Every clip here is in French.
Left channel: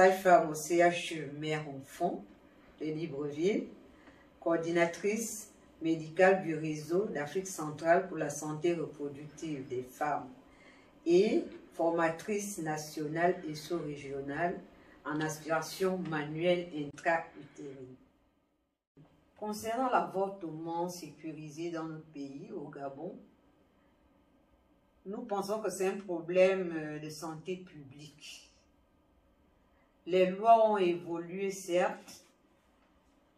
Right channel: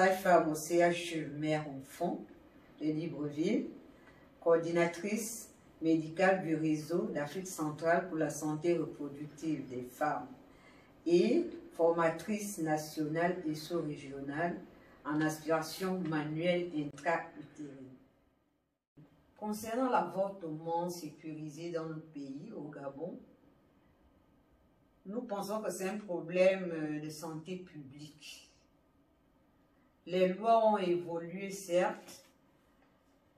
sage-femme au CHU Mère-Enfant de Libreville, coordinatrice médicale du réseau d'Afrique centrale pour la santé reproductive des femmes et formatrice nationale et sous-régionale en aspiration manuelle intra-utérine. Concernant l'avortement sécurisé dans notre pays, au Gabon, nous pensons que c'est un problème de santé publique. Les lois ont évolué, certes.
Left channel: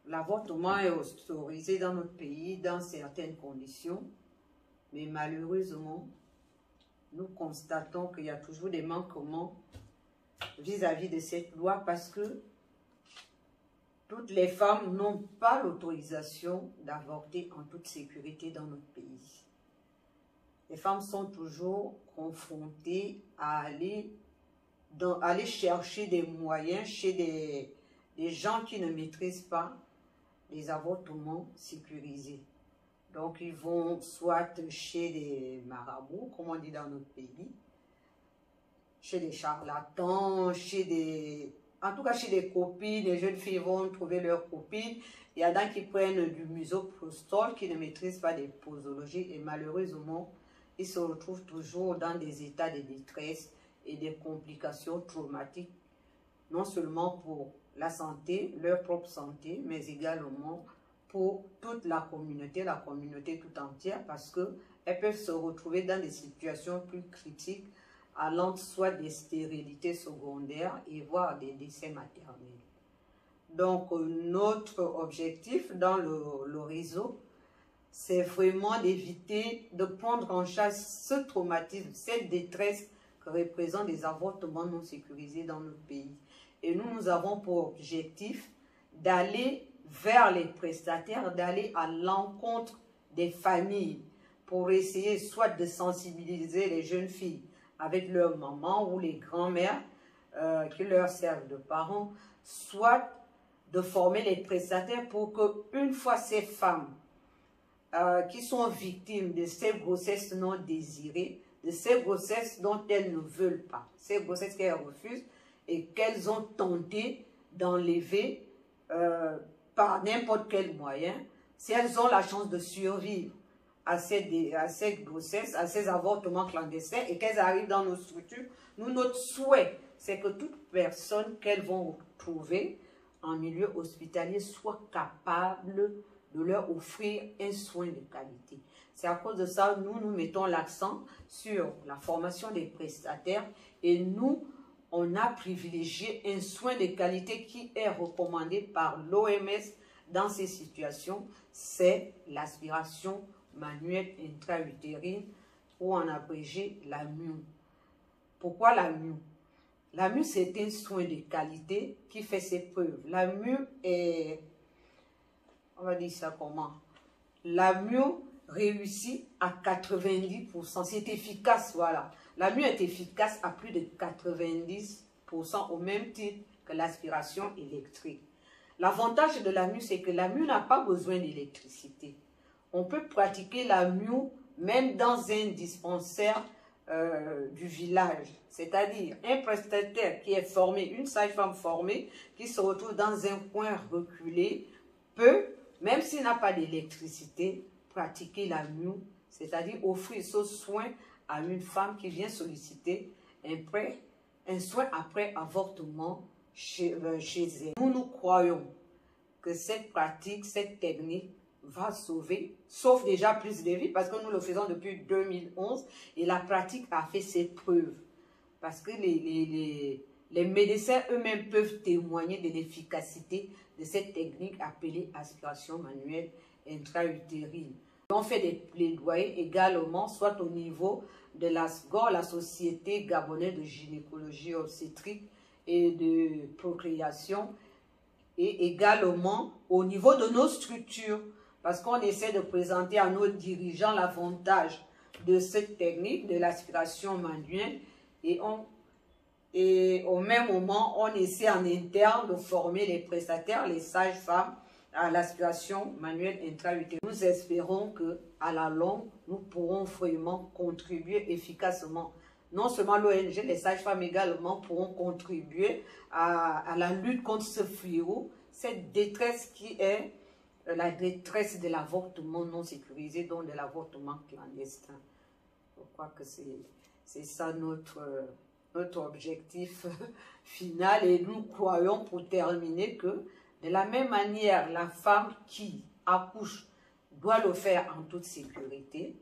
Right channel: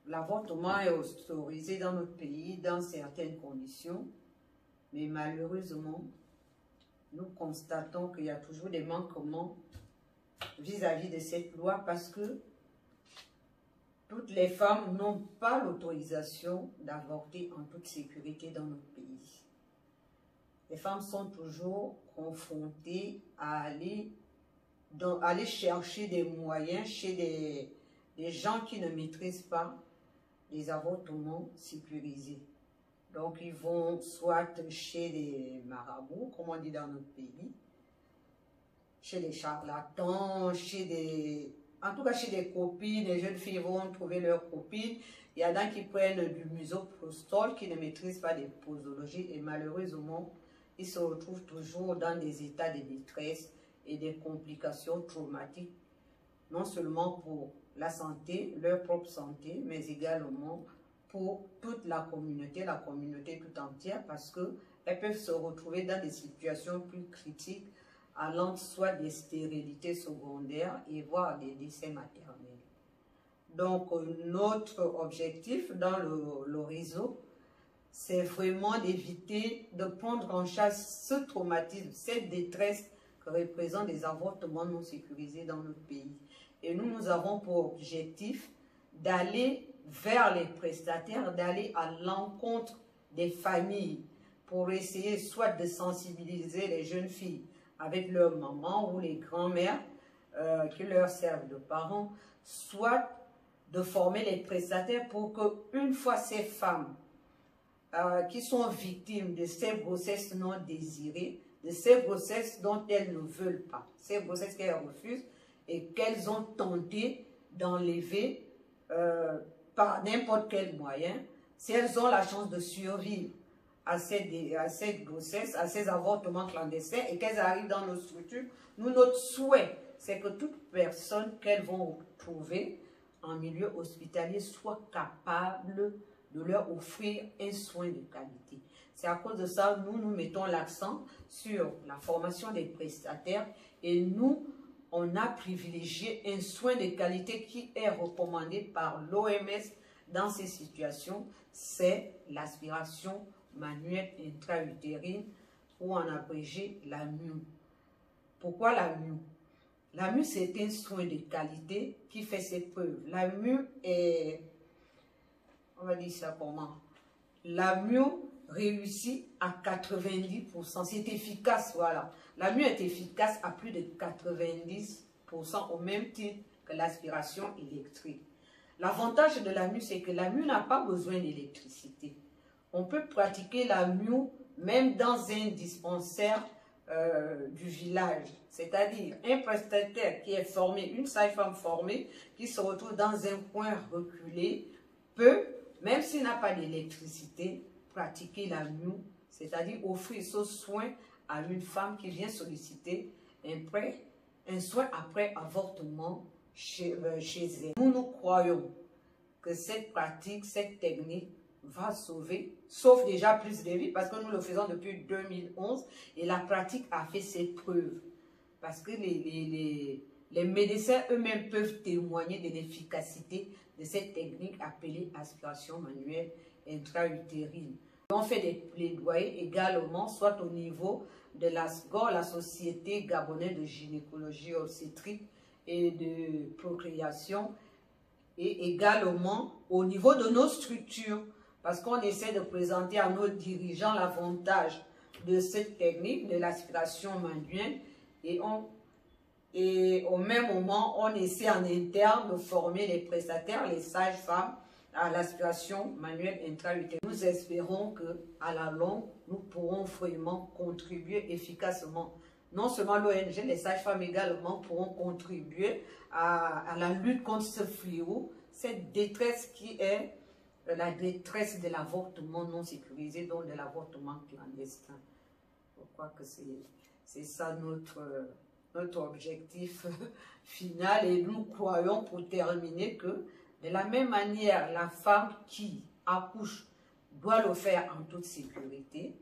L'avortement est autorisé dans notre pays dans certaines conditions, mais malheureusement, nous constatons qu'il y a toujours des manquements vis-à-vis de cette loi parce que toutes les femmes n'ont pas l'autorisation d'avorter en toute sécurité dans notre pays. Les femmes sont toujours confrontées à aller chercher des moyens chez des gens qui ne maîtrisent pas les avortements sécurisés. Donc, ils vont soit chez des marabouts, comme on dit dans notre pays, chez des charlatans, en tout cas chez des copines. Les jeunes filles vont trouver leurs copines. Il y en a qui prennent du misoprostol, qui ne maîtrisent pas des posologies et malheureusement, ils se retrouvent toujours dans des états de détresse et des complications traumatiques, non seulement pour la santé, leur propre santé, mais également pour toute la communauté tout entière, parce qu'elles peuvent se retrouver dans des situations plus critiques, allant soit des stérilités secondaires et voire des décès maternels. Donc, notre objectif dans le réseau, c'est vraiment d'éviter de prendre en charge ce traumatisme, cette détresse que représentent les avortements non sécurisés dans notre pays. Et nous avons pour objectif d'aller vers les prestataires, d'aller à l'encontre des familles pour essayer soit de sensibiliser les jeunes filles avec leurs mamans ou les grands-mères qui leur servent de parents, soit de former les prestataires pour qu'une fois ces femmes qui sont victimes de ces grossesses non désirées, de ces grossesses dont elles ne veulent pas, ces grossesses qu'elles refusent et qu'elles ont tenté d'enlever par n'importe quel moyen, si elles ont la chance de survivre à cette grossesse, à ces avortements clandestins et qu'elles arrivent dans nos structures, notre souhait, c'est que toute personne qu'elles vont trouver en milieu hospitalier soit capable de leur offrir un soin de qualité. C'est à cause de ça, nous mettons l'accent sur la formation des prestataires et nous, on a privilégié un soin de qualité qui est recommandé par l'OMS dans ces situations, c'est l'aspiration manuelle intra-utérine ou en abrégé la MUE. Pourquoi la MUE? La MUE, c'est un soin de qualité qui fait ses preuves. La MUE est, on va dire ça comment? La MUE réussit à 90%. C'est efficace, voilà. La MUE est efficace à plus de 90% au même titre que l'aspiration électrique. L'avantage de la MUE, c'est que la MUE n'a pas besoin d'électricité. On peut pratiquer la MUE même dans un dispensaire du village. C'est-à-dire un prestataire qui est formé, une sage-femme formée, qui se retrouve dans un coin reculé, peut, même s'il n'a pas d'électricité, pratiquer la MUE, c'est-à-dire offrir ce soin à une femme qui vient solliciter un soin après avortement chez elle. Nous croyons que cette pratique, cette technique va sauve déjà plus de vies parce que nous le faisons depuis 2011 et la pratique a fait ses preuves. Parce que les médecins eux-mêmes peuvent témoigner de l'efficacité de cette technique appelée aspiration manuelle intra-utérine. On fait des plaidoyers également, soit au niveau de la SGOR, la Société gabonaise de gynécologie obstétrique et de procréation, et également au niveau de nos structures, parce qu'on essaie de présenter à nos dirigeants l'avantage de cette technique, de l'aspiration manuelle, et au même moment, on essaie en interne de former les prestataires, les sages-femmes, à l'aspiration manuelle intra-utérine. Nous espérons qu'à la longue, nous pourrons vraiment contribuer efficacement non seulement l'ONG, les sages-femmes également pourront contribuer à la lutte contre ce fléau, cette détresse qui est la détresse de l'avortement non sécurisé, donc de l'avortement clandestin. Je crois que c'est ça notre objectif final, et nous croyons, pour terminer, que de la même manière, la femme qui accouche doit le faire en toute sécurité.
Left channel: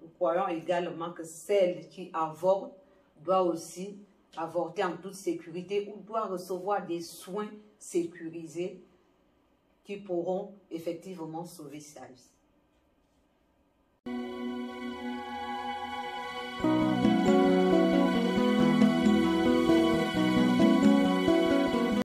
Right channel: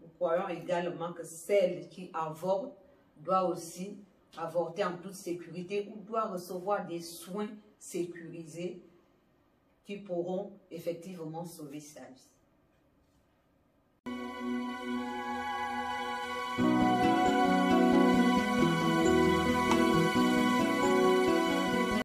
Nous croyons également que celle qui avorte doit aussi avorter en toute sécurité ou doit recevoir des soins sécurisés qui pourront effectivement sauver sa vie.